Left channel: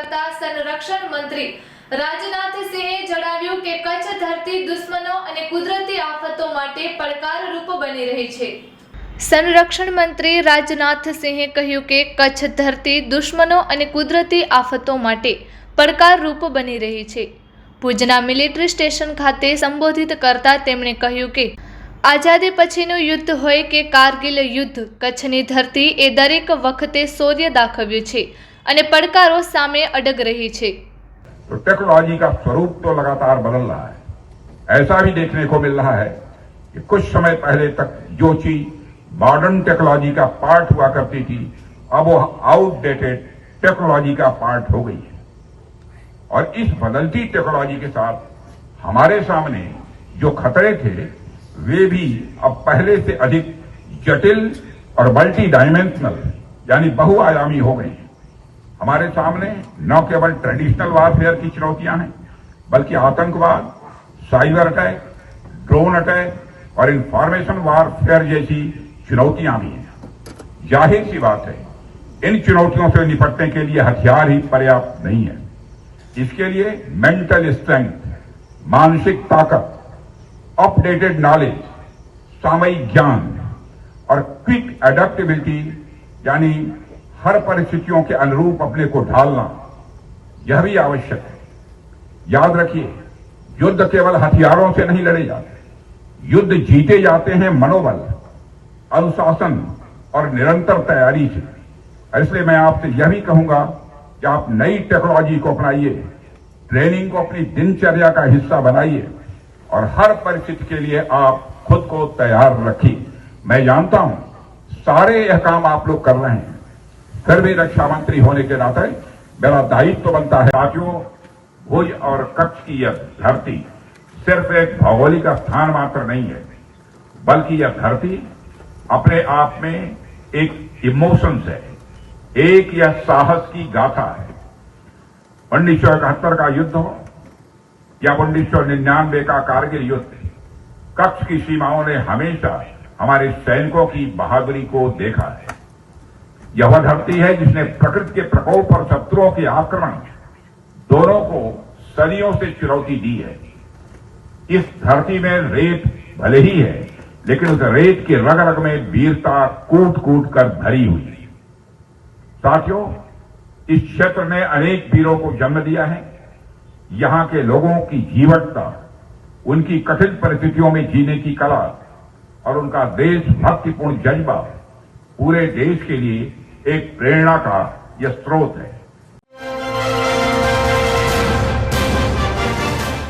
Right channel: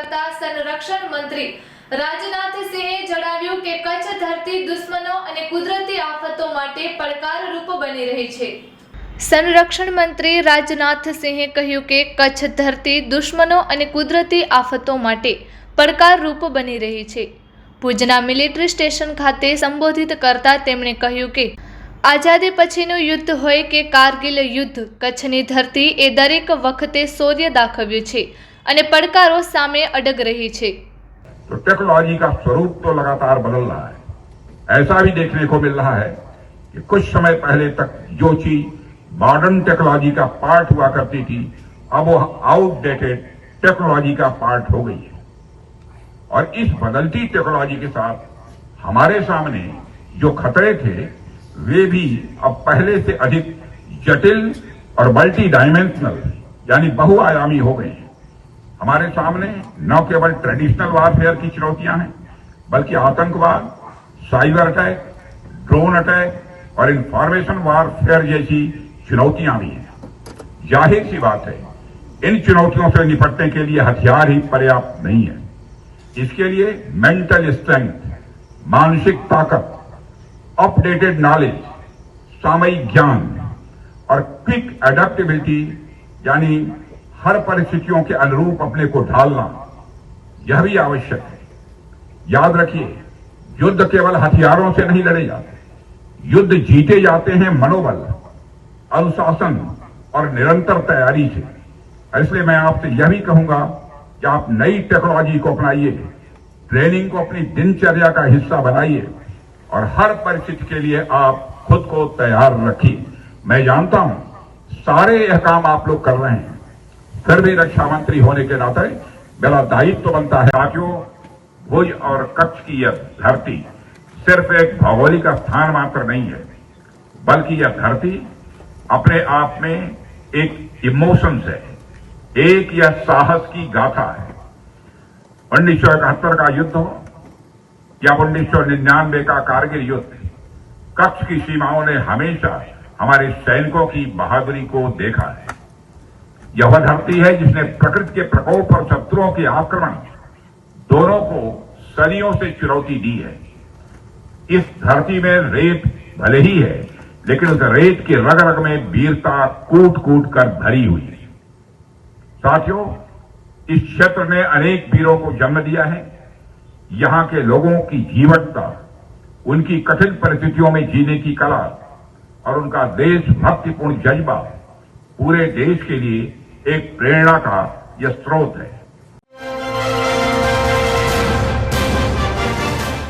કરતા સંરક્ષણ મંત્રી રાજનાથ સિંહે જણાવ્યું કે કચ્છ ધરતી દુશ્મનો અને કુદરતી આફતો માટે પડકારરૂપ બની રહી છે। સંરક્ષણ મંત્રી રાજનાથ સિંહે કહ્યું કે કચ્છ ધરતી દુશ્મનો અને કુદરતી આફતો માટે પડકારરૂપ બની રહી છે। ભુજના મિલિટરી સ્ટેશન ખાતે સંબોધિત કરતા તેમણે કહ્યું કે આઝાદી પછીનું યુદ્ધ હોય કે કારગિલ યુદ્ધ, કચ્છની ધરતી એ દરેક વખતે શૌર્ય દાખવ્યું છે અને પડકારો સામે અડગ रही છે। तो टेक्नोलॉजी का स्वरूप तो लगातार बदल रहा है। ऐसा भी देखने को मिल रहा है कि कुछ समय पहले तक जो चीज मॉडर्न टेक्नोलॉजी का पार्ट हुआ करती थी, अब वो आउटडेटेड टेक्नोलॉजी का पार्ट हो गई है। और इस बदलती टेक्नोलॉजी के साथ हमारे सामने जो खतरे थे वे भी अब पहले से अधिक जटिल और मल्टी डायमेंशनल यानी बहुआयामी हो गई। हमारे सामने न केवल ट्रेडिशनल वारफेयर की चुनौतियां हैं, बल्कि आतंकवाद, साइबर अटैक, ड्रोन अटैक और इंफॉर्मेशन वारफेयर जैसी चुनौतियां भी हैं। जाहिर सी बात है, इन चुनौतियों से निपटने के लिए हथियार ही पर्याप्त नहीं है। इसके लिए मेंटल स्ट्रेंथ, मानसिक ताकत, अपडेटेड नॉलेज, सामयिक ज्ञान और क्विक एडेप्टेबिलिटी यानी हर परिस्थितियों के अनुरूप अपने को ढालना, यह भी आवश्यक है। याद रखिए, युद्ध केवल हथियारों से नहीं लड़े जाते, युद्ध जीते जाते हैं मनोबल, अनुशासन और निरंतर तैयारी से। इसलिए मैं आपसे यह भी कहूंगा कि आप नई टेक्नोलॉजी को अपनाइए, ट्रेनिंग को अपनी दिनचर्या का हिस्सा बनाइए और हर परिस्थिति के लिए आप खुद को तैयार रखिए। मैं जानता हूं सारे यह काम आप लोग कर रहे हैं, फिर भी रक्षा मंत्री होने के नाते मेरा दायित्व तो बनता है। साथियों, भुज और कच्छ की यह धरती सिर्फ एक भौगोलिक स्थान मात्र नहीं है, बल्कि यह धरती अपने आप में एक इमोशंस है, एक यह साहस की गाथा है। 1971 का युद्ध हो या 1999 का कारगिल युद्ध, कच्छ की सीमाओं ने हमेशा हमारे सैनिकों की बहादुरी को देखा है। यह वह धरती है जिसने प्रकृति के प्रकोप और शत्रुओं के आक्रमण दोनों को सदियों से चुनौती दी है। इस धरती में रेत भले ही है, लेकिन उस रेत की रग रग में वीरता कूट कूट कर भरी हुई है। साथियों, इस क्षेत्र ने अनेक वीरों को जन्म दिया है। यहां के लोगों की जीवटता, उनकी कठिन परिस्थितियों में जीने की कला और उनका देशभक्तिपूर्ण जज्बा पूरे देश के लिए एक प्रेरणा का यह स्रोत है।